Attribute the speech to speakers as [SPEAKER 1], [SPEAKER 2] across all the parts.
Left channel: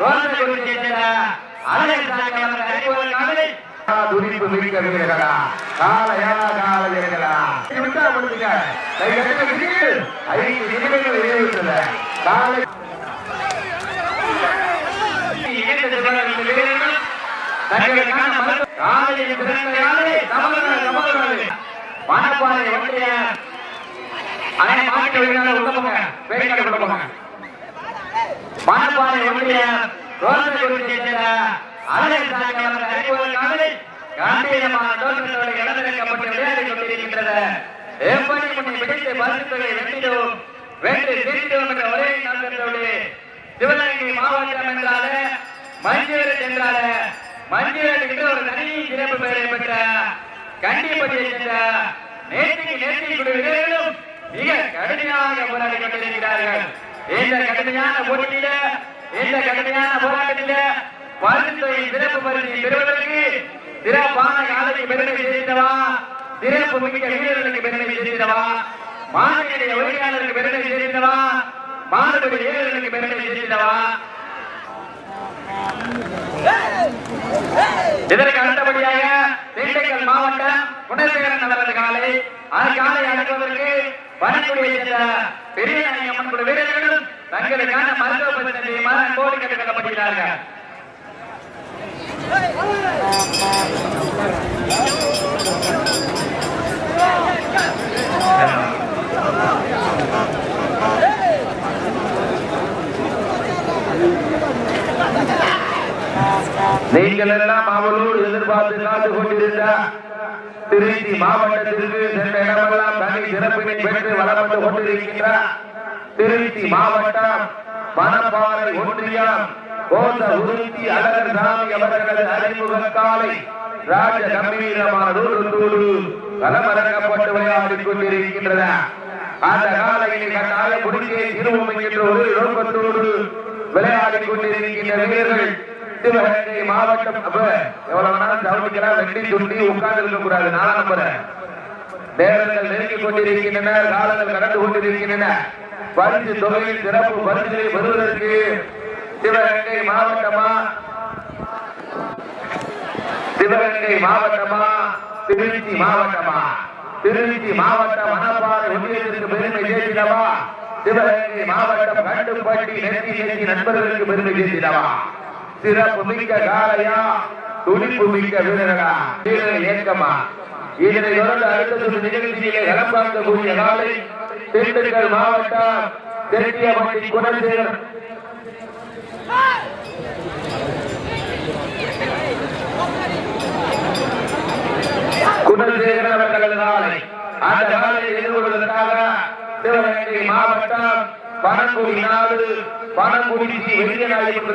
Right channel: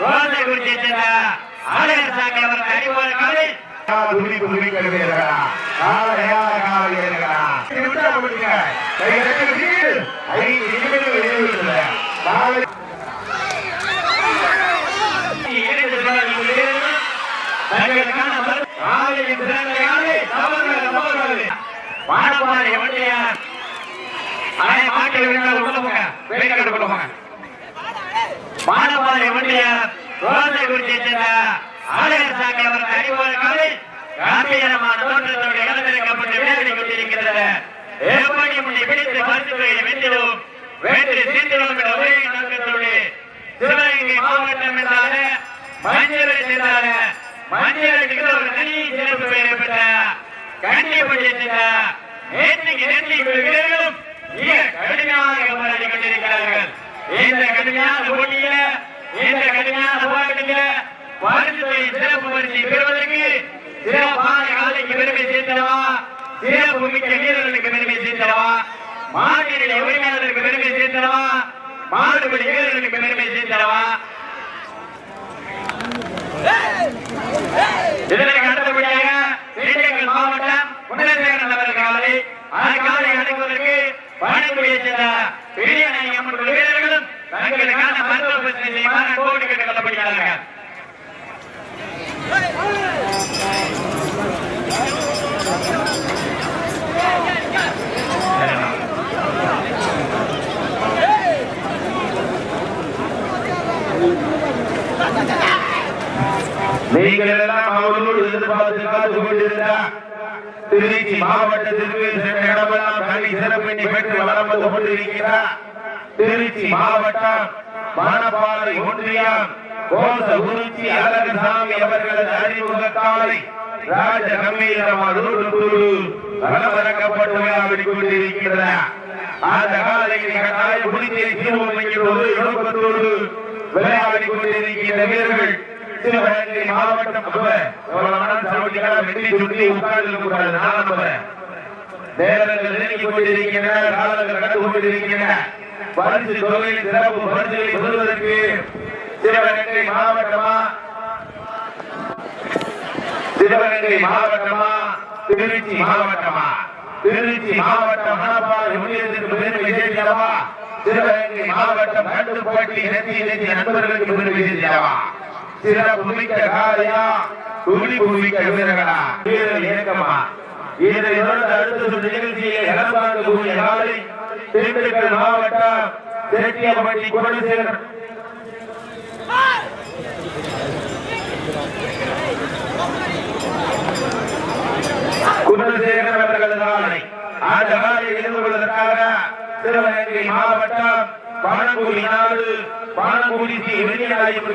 [SPEAKER 1] ரோசைக்குறிச்சியை சேர்ந்த அழகர் சாமி அவர்கள் அறிமுக காலை
[SPEAKER 2] துடிப்பு மிக்க வீரர்களா காலையான காவலர்களா இது விட்டு கொடுங்க கை தட்டுங்க நீங்கள் ஐந்து நிமிடங்கள் நிறைவேற்றுங்க காவல்
[SPEAKER 1] இணைந்து செல்வர்கள் வீரர்கள் தங்களுக்கான காலையின் பிறந்த காலை தவறுவது தவறுவது வானப்பாறை ஒன்றிய அணை மாட்டில் விழுந்தால் உள்ள போங்க. வேடிக்கை கொண்டு போங்க. வானப்பாறை ஒன்றிய ரோசை குறிச்சியை சேர்ந்த ஆலயசாமி சாமி அவர்கள் அறிமுக காலை காம்பீரமான தோற்றத்தோடு இளமிறக்கப்பட்டு விளையாடி கொண்டிருக்கிறது. எப்படி முன்னே பிடித்து மருத்துவரை வென்றோம் வென்று சீட்டுவோம் என்ற ஒரே நோக்கத்தோடு சிவகங்கை மாவட்டம் என்றால மஞ்சளை என்றாலே மஞ்சளுக்கு ஒரு தனி சிறப்பு பெற்ற கண்டிப்பட்டியை சேர்ந்த நேற்றுக்கு நேற்று வீரர்களும் மிக கடுமையாக போராடி கொண்டிருக்கிறார்கள். இந்த கடுமையான போட்டியில இந்த கடுமையான போராட்டத்தில பரிசுத்தை சிறப்பு பரிசை பெறுவதற்கு சிறப்பான காலைக்கு பெருமை சேர்த்தனவா? சிறப்பு மிக்க வீரர்களுக்கு பெருமை சேர்த்தனவா? மாட்டினுடைய உரிமையாளர்களுக்கு பெருமை சேர்த்தனவா? மாடுபடி வீரர்களுக்கு பெருமை சேர்த்தனவா? இதற்கு அடுத்தபடியாக திண்டுக்கல் மாவட்டம் குணசேகரன் அவர்கள் காலை அந்த காலை அடைவதற்கு பணக்குடியை சேர்ந்த பெரியநாயகி அம்மன் குழு தங்களுக்கான மருத்துவ பிரச்சனை செய்யுமாறு அன்போடு கேட்டுக் கொள்ளப்படுகிறார்கள்
[SPEAKER 2] நீங்கள் எல்லாம் அவர்களோடு எதிர்பார்த்து காத்து கொண்டிருந்த திருச்சி மாவட்டத்திற்கு சென்ற இடமெல்லாம் தனி சிறப்பினை பெற்று வளம் வந்து கொண்டிருக்கிறார் திருச்சி மாவட்டம் மணப்பாறை ஒன்றியம் கோச குறிச்சி அழகர்சாமி அவர்களது அறிமுக காலை ராஜ கம்பீரமான நூற்றத்தோடு கலவரக்கப்பட்டு விளையாடி கொண்டிருக்கின்றன அந்த காலையினை கட்டாய புதுச்சேரி சிறுவம் என்கின்ற ஒரு நோக்கத்தோடு விளையாடி கொண்டிருக்கின்ற வீரர்கள் சிவகங்கை மாவட்டம் அப்ப எவ்வளவு வேணாலும் சவுண்டிக்கலாம் வெட்டி சுற்றி உட்கார்ந்து கூடாது நாலாம் நம்பர் நேரங்கள் நெருங்கிக் கொண்டிருக்கின்றன காலங்கள் கடந்து கொண்டிருக்கின்றன. பரிசு தொகையில் சிறப்பு பரிசுகளை பெறுவதற்கு சிவகங்கை மாவட்டமா? சிவகங்கை மாவட்டமா? திருச்சி மாவட்டமா? திருச்சி மாவட்டம் மணப்பாறை ஒன்றியத்திற்கு பெருமை சேர்க்கிறவா சிவகங்கை மாவட்டம் கண்டுபட்டி நெத்தி நெத்தி நண்பர்களுக்கு பெருமை சேர்க்கிறவா சிறப்பு மிக்க காலையா? துணிப்பு மிக்க வீரர்களா வீரர்கள் இயக்கமா இதனை தொடர்ந்து அடுத்த சுற்று நிகழ்ச்சியில் இளம்பாங்கக்கூடிய காலை திண்டுக்கல் மாவட்டம் செட்டியார்பட்டி குணசேகர் குணசேகர் அவர்களது ஆணை அந்த ஆணையில் இருந்து கொள்வதற்காக சிவகங்கை மாவட்டம் பானங்குடி நாடு பானங்குடி ஸ்ரீ வெறியாயம்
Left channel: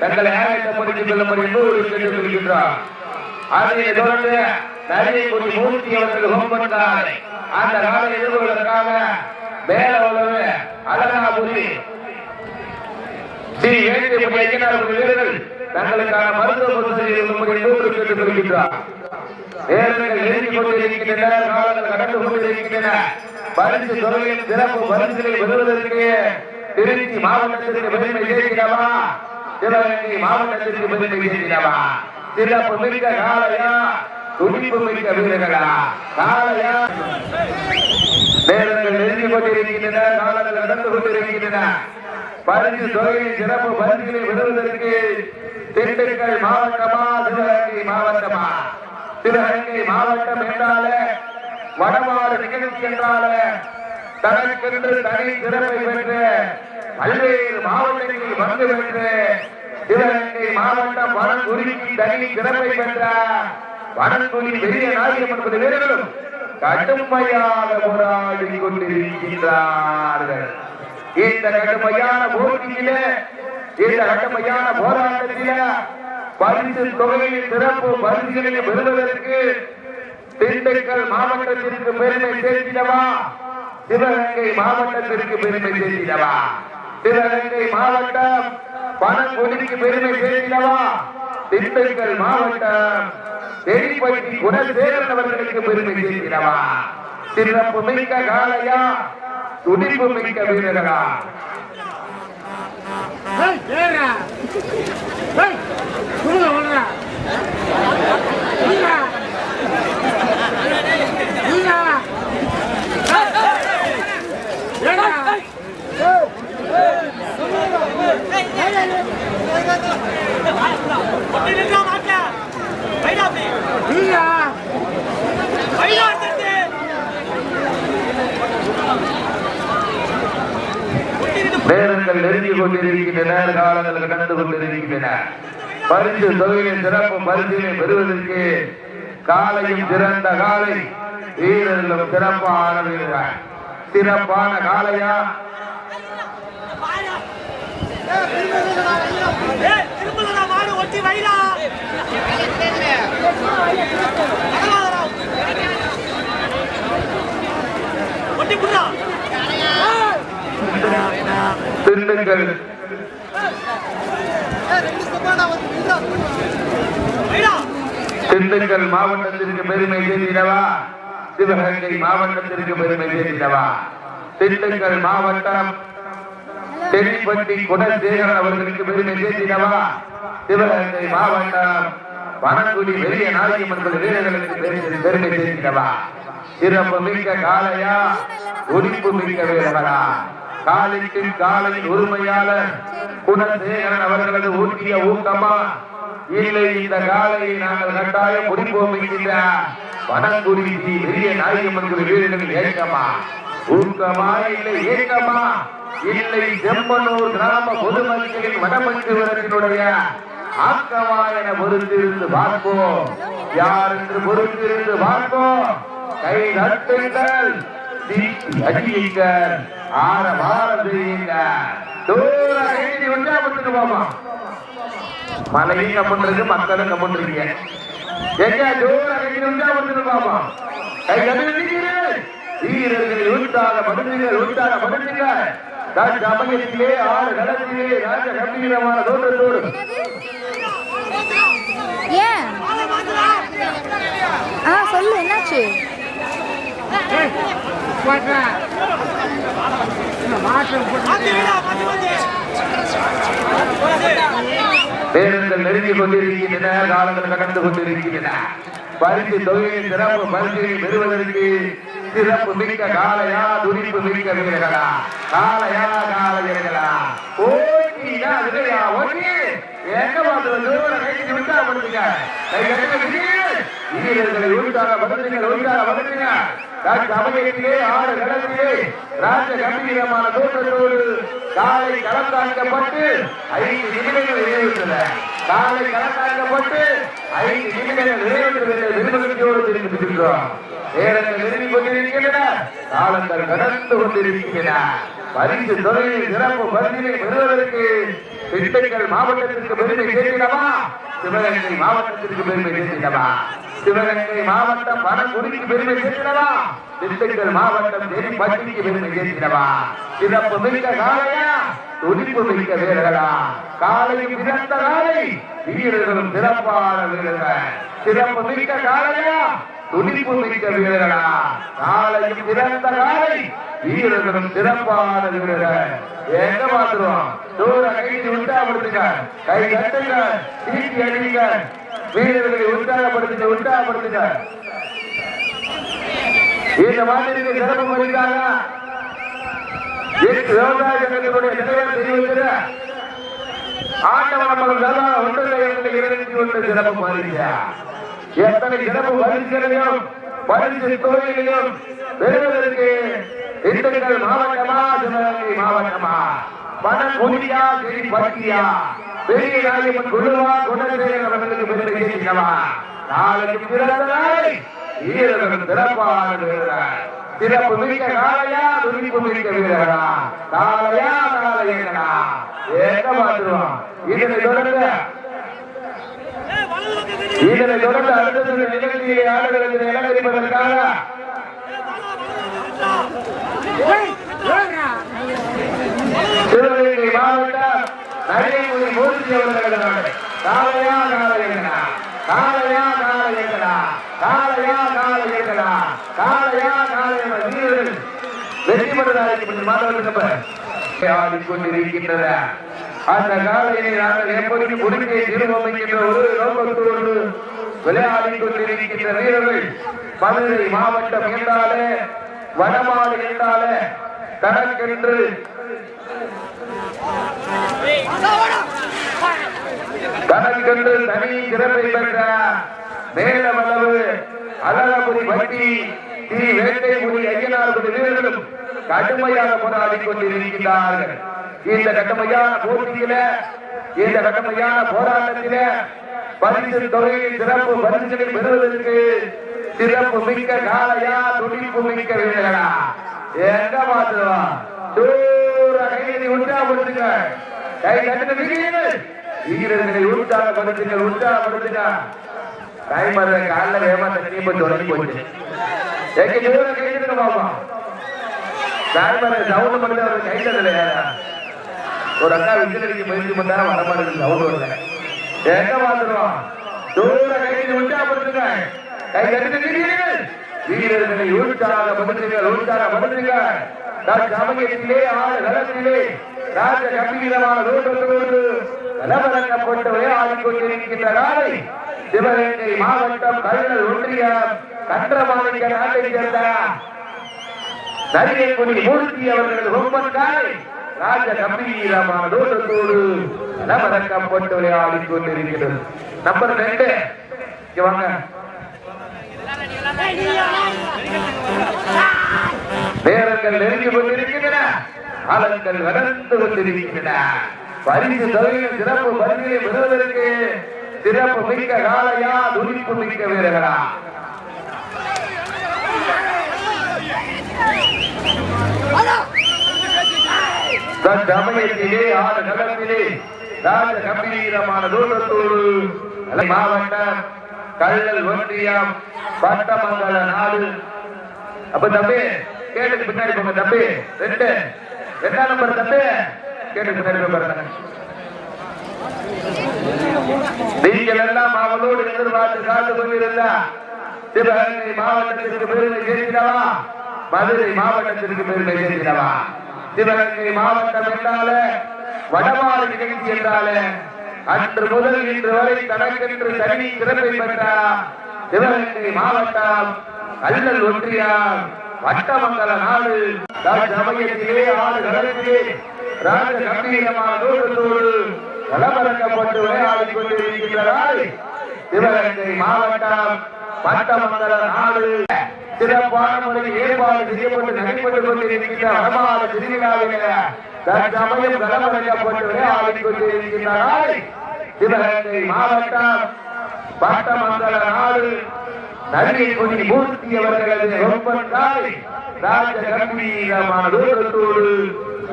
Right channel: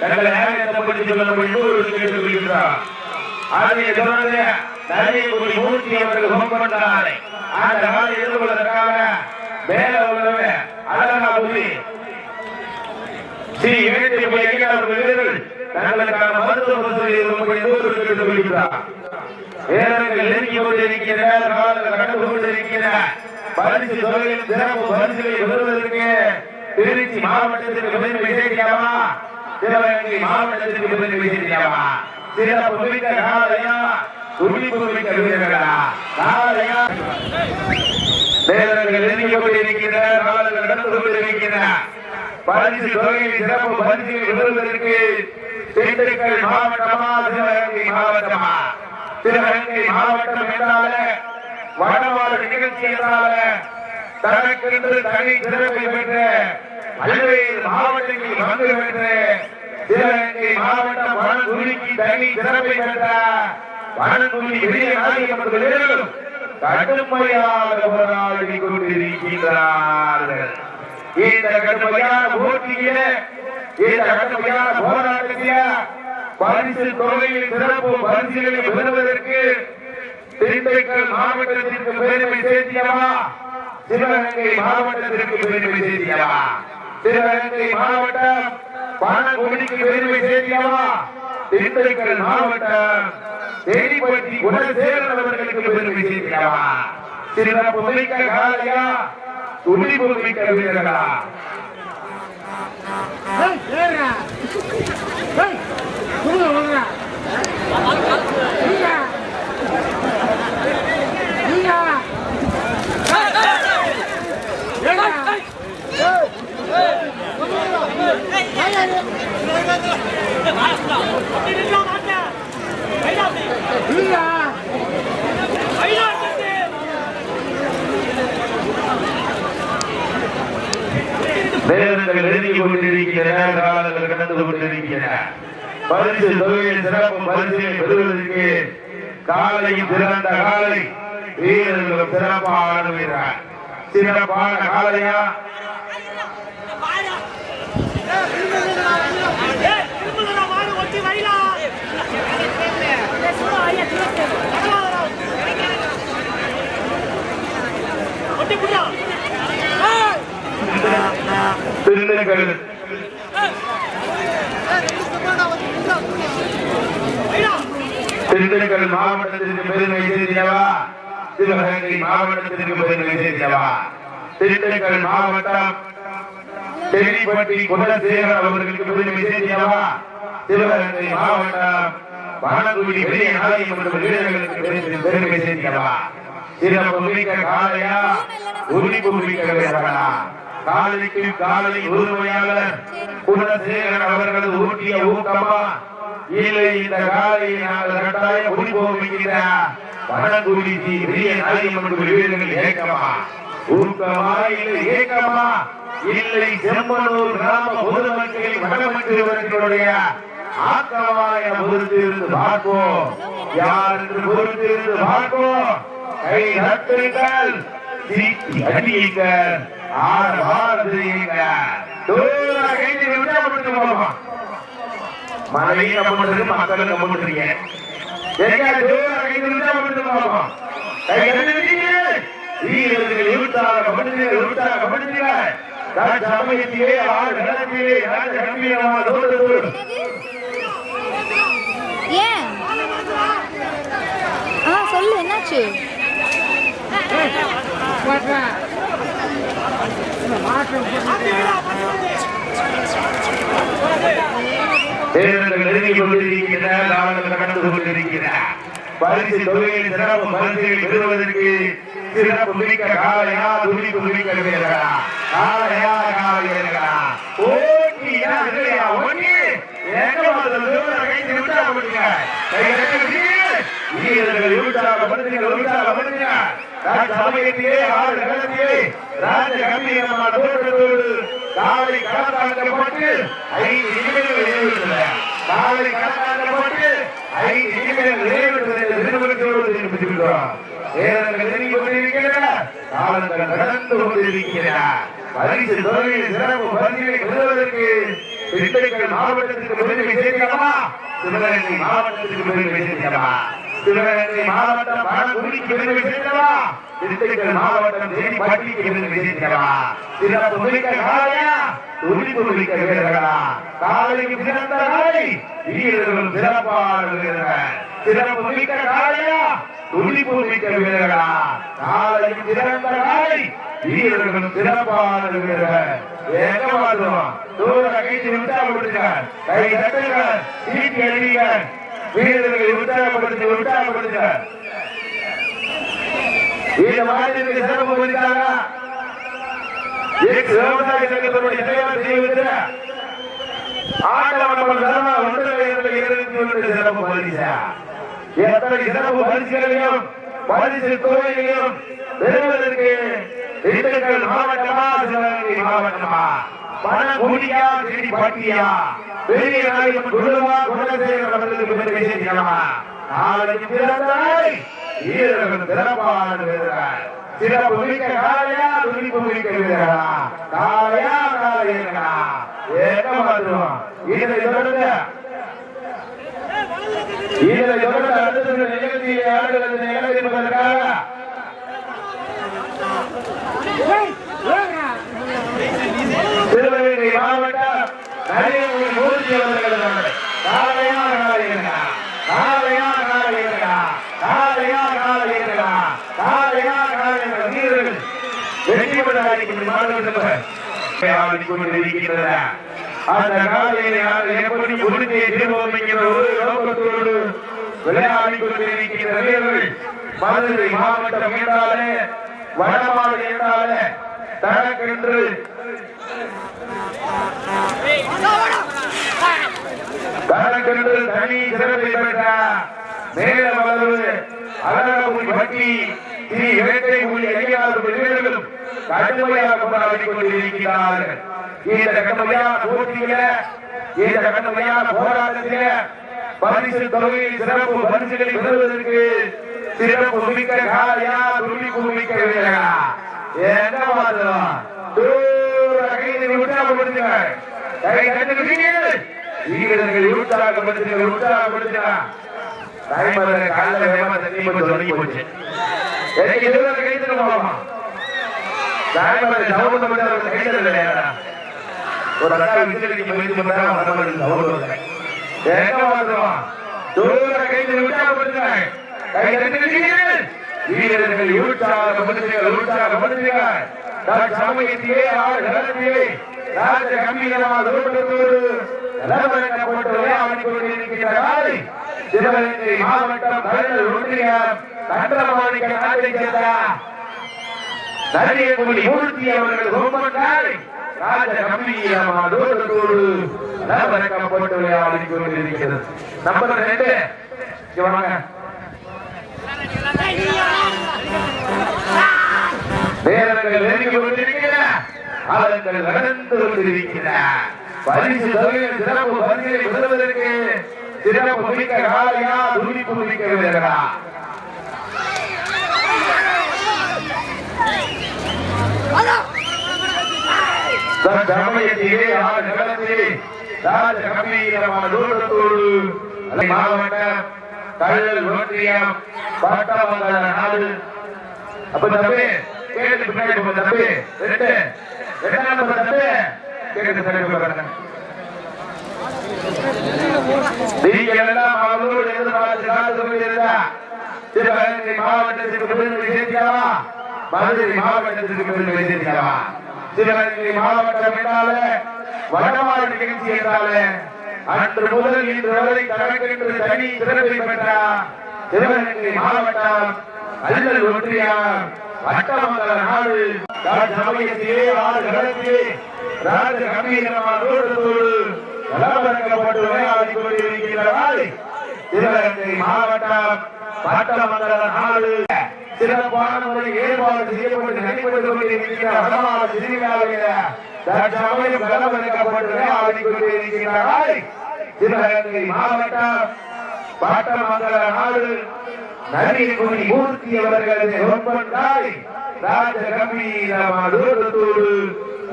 [SPEAKER 2] தங்கள் நேரத்தை படித்துக் கொள்ளும்படி நூறு கேட்டுக் கொள்கிறார் அதை தொடர்ந்து நரியக்குடி மூர்த்தி அவர்கள் ஹோம்பண்ட ஆணை அந்த ஆணை இருந்து கொள்வதற்காக வேற அழகாபுரி ஸ்ரீ வேட்டிய பையன் வீரர்கள் தங்களுக்கான மருத்துவ வசதி நூறு கேட்டுக் கொள்கிறார் நேரங்கள் நெருங்கிக் கொண்டிருக்கின்றன காலங்கள் கடந்து கொண்டிருக்கின்றன பரிசு தொகையிலும் சிறப்பு பரிசுகளை பெறுவதற்கு திருச்சி மாவட்டத்திற்கு பெருமை சேர்க்கிறவா? சிவகங்கை மாவட்டத்திற்கு பெருமை சேர்க்கிறவா? சிறப்பு மிக்க காலையா துடிப்பு மிக்க வீரர்களா? காலையா நேரங்கள் நெருங்கிக் கொண்டிருக்கின்றன காலங்கள் கடந்து கொண்டிருக்கின்றன. பரிசு தொகையில் சிறப்பு பரிசுகளை பெறுவதற்கு திண்டுக்கல் மாவட்டமா சிவகங்கை மாவட்டமா? சிவகங்கை மாவட்டம் என்றாலே வடமாறு நிகழ்ச்சி என்றாலே தனக்கென்று தனி சிறப்பை பெற்ற பல்வேறு மாவட்டங்களில் வந்து பெற்ற சிவகங்கை மாவட்டம் வனங்குடிக்கு தனி சிறப்பை பெற்ற வனங்குடி பெரிய நாயகமன் கடுமையாக போராடி கொண்டிருக்கிறார்கள். இந்த கடுமையான போட்டியில இந்த கடுமையான போராட்டத்தில பரிசு தொகையில் சிறப்பு பரிசுகளை பெறுவதற்கு திண்டுக்கல் மாவட்டத்திற்கு பெருமை சேர்க்கிறவா சிவகங்கை மாவட்டத்திற்கு பெருமை சேர்க்கிறவா சிவகங்கை மாவட்டம் பாலக்குடிக்கு பெருமை சேர்க்கிறவா திண்டுக்கல் மாவட்டம் தேனிப்பட்டி குணசேகரன் அவர்களுக்கு பெருமை சேர்க்கிறவா சிறப்பு மிக்க காலையா துடிப்பு மிக்க வீரர்களா நேரங்கள் நெருங்கி கொண்டிருக்கின்றன காலங்கள் கடந்து கொண்டிருக்கின்றன பரிசு தொகையில் சிறப்பு பரிசுகளை பெறுவதற்கு காலையும் திரண்ட காலை வீரர்களும் சிறப்பான வீரர்கள் சிறப்பான காலையா திருநெல்வேலி திண்டுக்கல் மாவட்டத்திற்கு பெருமை சேர்ந்தவா சிவகங்கை மாவட்டத்திற்கு பெருமை சேர்ந்தவா திண்டுக்கல் மாவட்டம் செடிப்பட்டி குலசேகர் அவர்களுக்கு பெருமை சேர்ந்தவா சிவகங்கை மாவட்டம் வனங்குடி பெரிய நாயம்மன் வீரர்களுக்கு பெருமை- பெருமை சேர்ந்தவா சிறப்பு மிக்க காலையா உரிப்பு மிக்க வீரர்களா காலனிக்கு காலனி உரிமையாளர் குணசேகர் அவர்களது ஊற்றிய ஊக்கமா? இல்லை இந்த காலையை நாங்கள் கட்டாயம் குடிப்போம் என்கிற வனங்குடி ஸ்ரீ பெரிய நாயம்மன் வீரர்கள் ஏக்கமா ஊக்கமா இல்லை ஏக்கமா? இல்லை செம்மனூர் கிராம பொதுமக்களின் மனமற்றவர்களுடைய ஆக்கமாய பொறுத்திருந்து பார்ப்போம். யார் என்று பொறுத்திருந்து பார்ப்போம். கை நட்டுங்கள் சீட்டி அடியுங்கள் ஆறு பால் செய்யுங்க தூரம் கைதி விட்டா விட்டு போகலாம் மனைவியை நம்பிட்டு மக்களை நம்பிட்டுருங்க எங்க தூரம் கைதி விட்டா விட்டு போகலாம் வீரர்கள் விட்டாக மனிதர்கள் விட்டாக மனிதர்கள் சமயத்திலே ஆறு கடத்திலே ராஜ கம்மியமாக தோற்று
[SPEAKER 3] ஏன்? ஆ சொல்லு என்னாச்சு?
[SPEAKER 2] வீரர்கள் நெருங்கிக் கொண்டிருக்கிறார் கடந்து கொண்டிருக்கிறார் பரிசு தொகையில் பெறுவதற்கு சிறப்பு காலையா துடிப்பு மிக்க வீரர்களா காலையா காலையர்களா ஓட்டியா இல்லையா ஒண்ணு வீரர்கள் உற்சாகப்படுத்துங்கள் உற்சாகப்படுத்துங்கள். சமயத்திலே ஆறு களத்திலே ராஜ கம்பீரமான தோற்றத்தோடு காலை களத்தாக்கப்பட்டு ஐந்து நிமிடங்கள் நிறைவேற்றல காலை களத்தாக்கப்பட்டு ஐந்து நிமிடங்கள் நிறைவேற்றுவதை விரும்புகிறோடு தெரிவித்திருக்கிறோம் நேரங்கள் நெருங்கி கொண்டிருக்கின்றன காலங்கள் கடந்து கொண்டிருக்கின்றன. பரிசு தொகையில் சிறப்பு பரிசுகளை பெறுவதற்கு திண்டுக்கல் மாவட்டத்திற்கு பெருமை சேர்க்கிறோமா சிவகங்கை மாவட்டத்திற்கு பெருமை சேர்க்கிறோமா சிவகங்கை மாவட்டம் பெருமை திண்டுக்கல் மாவட்டம் தேனிப்பட்டிக்கு பெருமை சிறப்பு மிக்க காலையா துடிப்பு மிக்க வீரர்களா காலைக்கு சிறந்த காலை வீரர்கள் சிறப்பான வீரர்கள். சிறப்பு மிக்க காலையா துடிப்பு மிக்க வீரர்களா? காலைக்கு சிறந்த காலை வீரர்களும் சிறப்பான வீரர்கள். கை வீரர்களை உற்சாகப்படுத்து உற்சாகப்படுத்துங்க இந்த மாநிலத்துக்கு சிறப்பு பதிக்காங்க விவசாய சங்கத்தினுடைய தலைவர் செய்வது ஆண்டவனவன் ஒன்றில் இருந்து சிறப்பு பரிசா. எத்தனை சிறப்பு பரிசுகளையும் பரிசு தொகைகளையும் பெறுவதற்கு திண்டுக்கல் மாவட்டமா சிவகங்கை மாவட்டமா? மணக்குடியா செடி பட்டியா பெரிய நாயகன் குணசேகர் அவர்களுக்கு பெருமை சேர்த்தியமா நாளைக்கு பிறந்தாய். வீரர்கள் சிறப்பான வீரர்கள் சிறப்பு மிக்க காலையா மிக்க வீரர்களா? காலையா காலையா என்ன பண்ணுவோம் வீரரை தொடர்ந்து வீரரை தொடர்ந்து அடுத்த நிகழ்ச்சியை ஆடுகிறது நிகழ்த்திருப்பதற்காக சிவகங்கை மாவட்டம் கருத்தை கொண்டு எழுதுறாங்க காலையா காலை இருக்கா காலையா காலை இருக்கா காலையா காலை வீரர்கள் வெற்றி பெற வாய்ப்பு மாணவர்கள் அந்த காலையிலே அவர்கள் எப்படி முடித்தே செய்வோம் என்கிற ஒரு நோக்கத்தோடு விளையாடி கொண்டிருக்கிற வீரர்கள் மதுரை மாவட்டம் என்றாலே வடமாவட்டம் என்றாலே தனக்கென்று தனி சிறப்பை பெற்ற மேலவளவு அழகபுரி வட்டி ஸ்ரீ வேட்டை புலி ஐயாறு புலி கடுமையாக போராடி கொண்டிருக்கிறார்கள் இந்த கடுமையான போட்டியில இந்த கடுமையான போராட்டத்தில பரிசு தொகையில் சிறப்பு பரிசுகளை பெறுவதற்கு சிறப்பு மிக்க காலையா துணிப்பு மிக்க வேலையா என்ன மாதம் கைதை கை தட்டுக்கு செய்யுங்கள் வீரர்களை உற்சாகப்படுத்துங்கள் உற்சாகப்படுத்துங்க. காலைல வேகமா தண்ணி போய் தொடங்கி போச்சு. எனக்கு இதுவரை கை தட்டுங்க பாப்பா டைமர் சவுண்ட் மட்டும் கை தட்டலையா? ஒரு அக்கா விசிலடிக்க முயற்சி பண்ணா வர மாட்டேங்குது சவுண்ட் எங்க மாத்திரம் தூர உற்சாகப்படுத்துங்க. கை வீரர்கள் உற்சாகப்படுத்துங்க உற்சாகப்படுத்துங்க சமயத்திலே ஆறு காலத்திலே ராஜ கம்பீரமாக ஓட்டத்தோடு நிலவரக்கப்பட்டு விளையாடிக் கொண்டிருக்கின்ற நாளை சிவகங்கை மாவட்டம் கடலூர் ஒன்றியம் கண்டமாணிக்க நாட்டை சேர்ந்த மூர்த்தி அவர்கள் ராஜ கம்பீரமாக விளையாடிக் கொண்டிருக்கிறது நம்பர் ரெண்டு. வாங்க நெருங்கி கொண்டிருக்கிற காலங்கள் கடந்து கொண்டிருக்கிற பரிசு தொகையில் சிறப்பு பரிசுகளை பெறுவதற்கு சிறப்பு மிக்க காலையா துடிப்பு மிக்க வீரர்களா? சமயத்திலே ஆடு ராஜ கம்பீரமான மாவட்ட ஒன்றியம் நாடு. அப்ப தம்பி கேட்டு பின்னாடி போங்க தம்பி. ரெண்டு. ரெண்டாம் நம்பர் தம்பி. கேட்டு பின்னாடி போங்க எல்லாம் அவரோடு மாவட்டத்திற்கு விருதுகளை சேர்க்கலாமா மதுரை மாவட்டத்திற்கு விருதுகளை மாவட்டம் என்றாலே வடமாடு நிகழ்ச்சி என்றாலே அன்று முதல் இன்று வரை தனக்கென்று தனி சிறப்பை பெற்ற மாவட்டம் கல்லூர் ஒன்றியம் வட்டமங்கல நாடு சமயத்திலே ஆடு களத்திலே ராஜ கம்பீரமான தோற்றத்தோடு வளவழக்கப்பட்டு விளையாடிக் கொண்டிருக்கிற நாடு சிவகங்கை மாவட்டம் பட்டமங்கல நாடு சிறப்பான ஒரு ஏற்பாடு செய்யப்பட்டு நடைபெற்றுக் கொண்டிருக்கிற வடமாவட்ட திருவிழாவில தற்சமயம் வளவழக்கப்பட்டு விளையாடிக் கொண்டிருக்கிற நாடு சிவகங்கை மாவட்டம் வட்டமங்கல நாடு நரியகுடி மூர்த்தி அவர்களது ஒப்பன் ராஜ கம்பீரமான தோட்டத்தோடு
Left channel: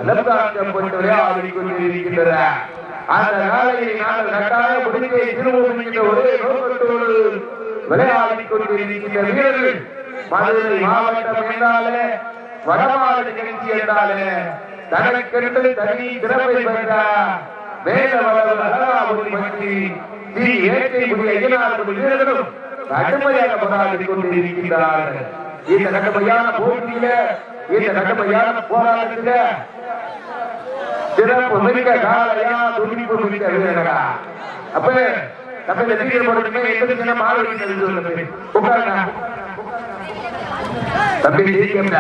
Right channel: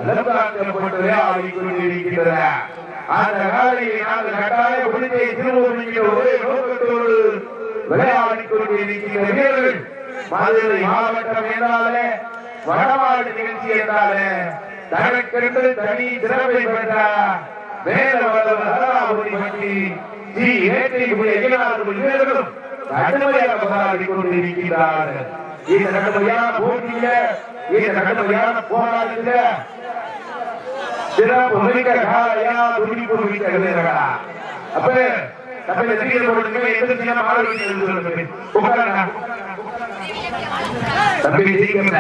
[SPEAKER 2] நலந்தாக்கப்பட்டு விளையாடிக் அந்த காலையை நாங்கள் கட்டாய புலித்தை திருவோம் இங்கே ஒரே நோக்கத்தோடு விளையாடிக் கொண்டிருக்கிற வீரர்கள் மதுரை மாவட்டம் என்றாலே வடமாடு நிகழ்ச்சி என்றாலே தனக்கென்று தனி சிறப்பை பெற்ற மேலவளவு அழகாபுரி பற்றி ஸ்ரீ வேட்டை புலி வீரர்களும் கடுமையாக போராடி கொண்டிருக்கிறார்கள் இந்த கடுமையான போட்டியில இந்த கடுமையான போராட்டத்தில சிறப்பு மிக்க காலையா துணிப்பு மிக்க வீரர்களா. அப்பவே தம்பி இந்த வீரர் போட்டு நீங்க எதிர்ச்சியான மாற வேண்டியது சொல்லுங்க உட்காருங்க. தம்பி சீக்கிரம்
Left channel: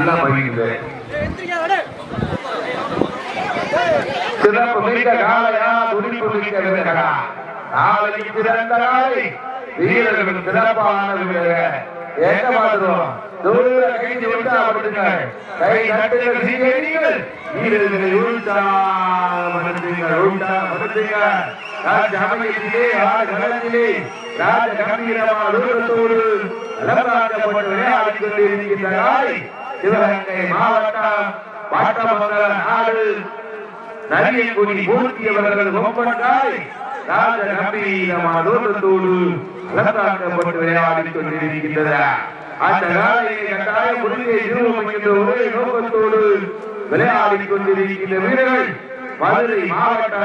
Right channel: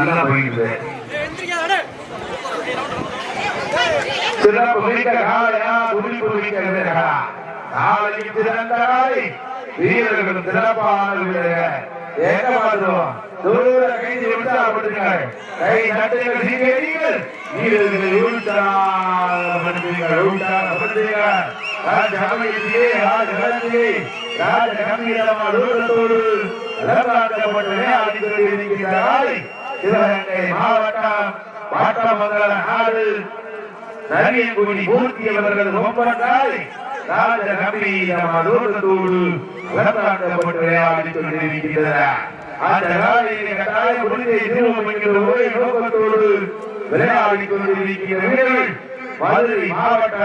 [SPEAKER 2] நல்லா போயிட்டு சிறப்பு மிக்க காலையா துணிப்பு மிக்க வீரர்களா காலையும் சிறந்த காலை வீரர்களும் சிறப்பான வீரர்கள் எங்க பார்த்தோம் தூர கைதி உற்சாகப்படுத்துங்க கை தட்டுங்கள் சீனியர்கள் வீரர்கள் உற்சாகப்படுத்துங்கள் உற்சாகப்படுத்துங்க ராஜ சமயத்திலே ஆடு கலந்து ராஜ கம்பீரமான ஊட்டத்தோடு நிலநாட்டப்பட்டு விளையாடிக் கொண்டிருக்கின்ற சிவகங்கை மாவட்டம் நாடு நரியங்குடி மூர்த்தி அவர்களது ஒப்பந்தாய் ராஜ கம்பீரமான ஊட்டத்தோடு நிலநாட்டப்பட்டு விளையாடிக் கொண்டிருக்கிறார் அந்த காலையிலே கட்டாய முடிவை திருவம் என்கிற ஒரே நோக்கத்தோடு விளையாடிக் கொண்டிருக்கிற வீரர்கள் மதுரை மாவட்ட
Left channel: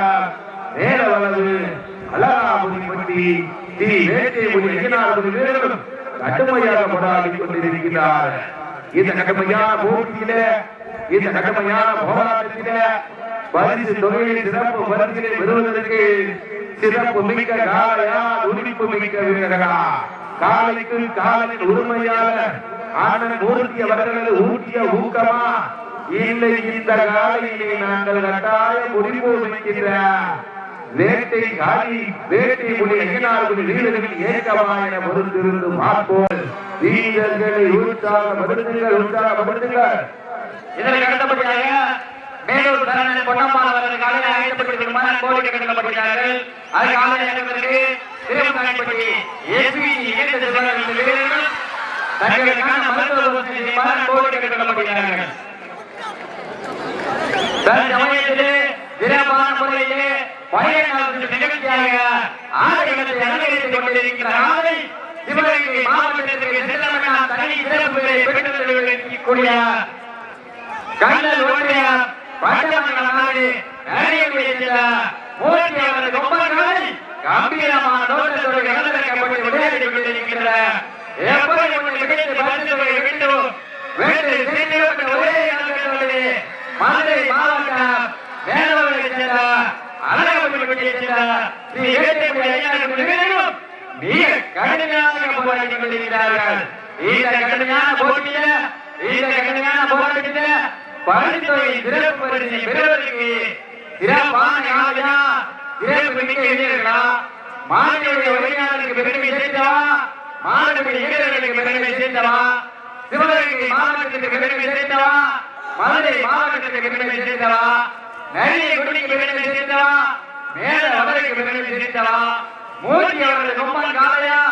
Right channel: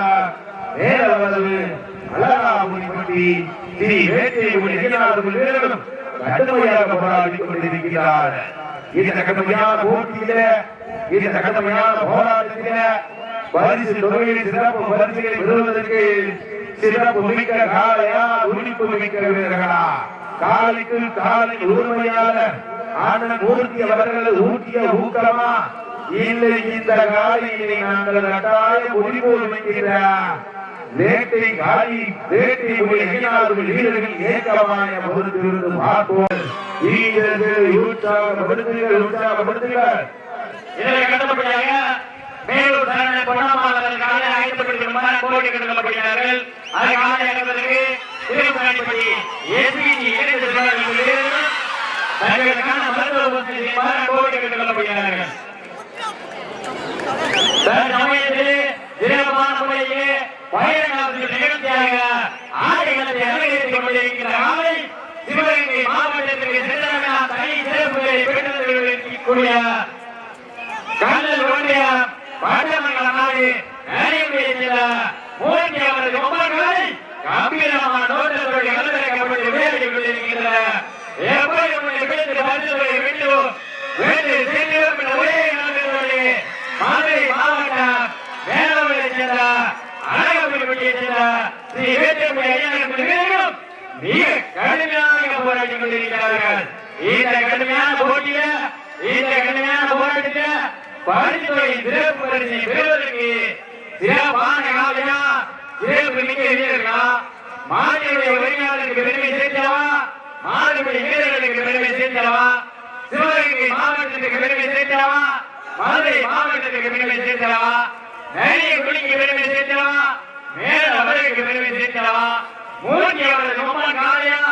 [SPEAKER 2] மேலவளவு அழகாபுரிப்பட்டி ஸ்ரீ வேட்டை ஒளி ஐயனார் வீரர்களும் கடுமையாக போராடிக் கொண்டிருக்கிறார். இந்த கடுமையான போட்டியில இந்த கடுமையான போராட்டத்தில பரிசு தொகையிலே சிறப்பு பரிசுகளை பெறுவதற்கு சிறப்பு மிக்க காளையா துடிப்பு மிக்க வீரர்களா. காலைக்கு காலை உரிமையாளர் அண்ணன் மூர்த்தி அவர்கள் ஊட்டிய ஊக்கமா? இல்லை இந்த காலையினை நாங்கள் கட்டாயம் முடிவு வைக்கிற வேட்டை காலி வேட்டை ஒளி ஐயனார்கள் வீரர்கள் ஏக்கமாய பொறுத்திருந்து பார்ப்போம். வீரர்கள் உற்சாகப்படுத்துங்கள் உற்சாகப்படுத்துங்கள்.
[SPEAKER 1] இதனை அடுத்தபடியாக மேலூர் சரணன் பொன்னம்மாள் அவரது காலை ஆயத்தப்படுத்திக் கொள்ளுமாறு அன்போடு கேட்டுக்கொள்ளப்படுகிறார்கள் காலை திருமுகாணிப்பட்டி எஸ்பிஜி இணைந்த செல்வார்கள் தங்களுக்கான மருத்துவ வசதி செய்யுமாறு அன்போடு கேட்டுக்கொள்ளப்படுகிறார்கள் சமயத்திலே சிறப்பான முறையிலே நிகழ்ச்சியாக அலங்கரித்துக் கொண்டிருக்கிற காலை சிவகங்கை மாவட்டத்திற்கு சென்றமெல்லாம் தனி சிறப்புகளை கல்லல் நாடு நரியங்குடியை மூர்த்தி அவரது கொம்பன்களை கம்பீரமான தோற்றத்தோடு கலந்திறக்கப்பட்டு விளையாடி கொண்டிருக்கின்றன. எப்படி உன்னை பிடித்து வென்று சென்றிடும் என்ற ஒரே நோக்கத்தோடு மதுரை மாவட்டம் மேலவரை செல்ல அழகபுரிப்பட்டியை செல்ல ஸ்ரீ வேட்டைக்குடி ஐயனர் வீரர்களும் மிக கடுமையாக போராடி கொண்டிருக்கிறார்கள். இந்த கடுமையான போட்டியில இந்த கடுமையான போராட்டத்தில் பரிசு தொகை சிறப்பு பரிசை பெறுவதற்கு சிறப்பான காலையா? சிறப்பு மிக்க வீரர்களா? மாநிலுடைய உரிமையாளருக்கு பெருமை சேர்த்திடவா மாடுபிடி வீரர்களுக்கு பெருமை சேர்த்திடவா சிவகங்கை மாவட்டத்துக்கு பெருமை சேர்த்திடவா மதுரை மாவட்டத்துக்கு பெருமை சேர்த்திடவா நிறைய குடிக்கு பெருமை சேர்த்திடவா மேல வளருக்கு பெருமை சேர்த்திடவா மூர்த்தி அவரது கொம்பன் காலையா?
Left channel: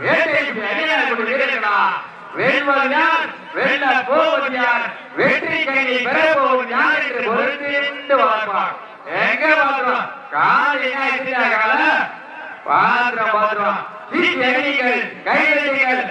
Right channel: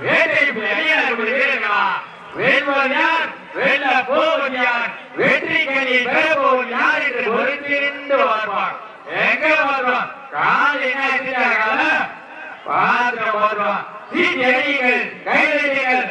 [SPEAKER 1] வேட்டை புலி ஐயனர் வீரர்களா? வெல்வது யார்? வெல்ல போவது யார்? வெற்றி கனியை பெற போவது யார் என்று பொறுத்திருந்து பார்ப்பார் எங்க பார்க்கிறோம் கால் என்ன செஞ்சாங்க பாத்திரம் பாத்திரம் சீட்டி அடியுங்கள் கைதட்டுங்கள்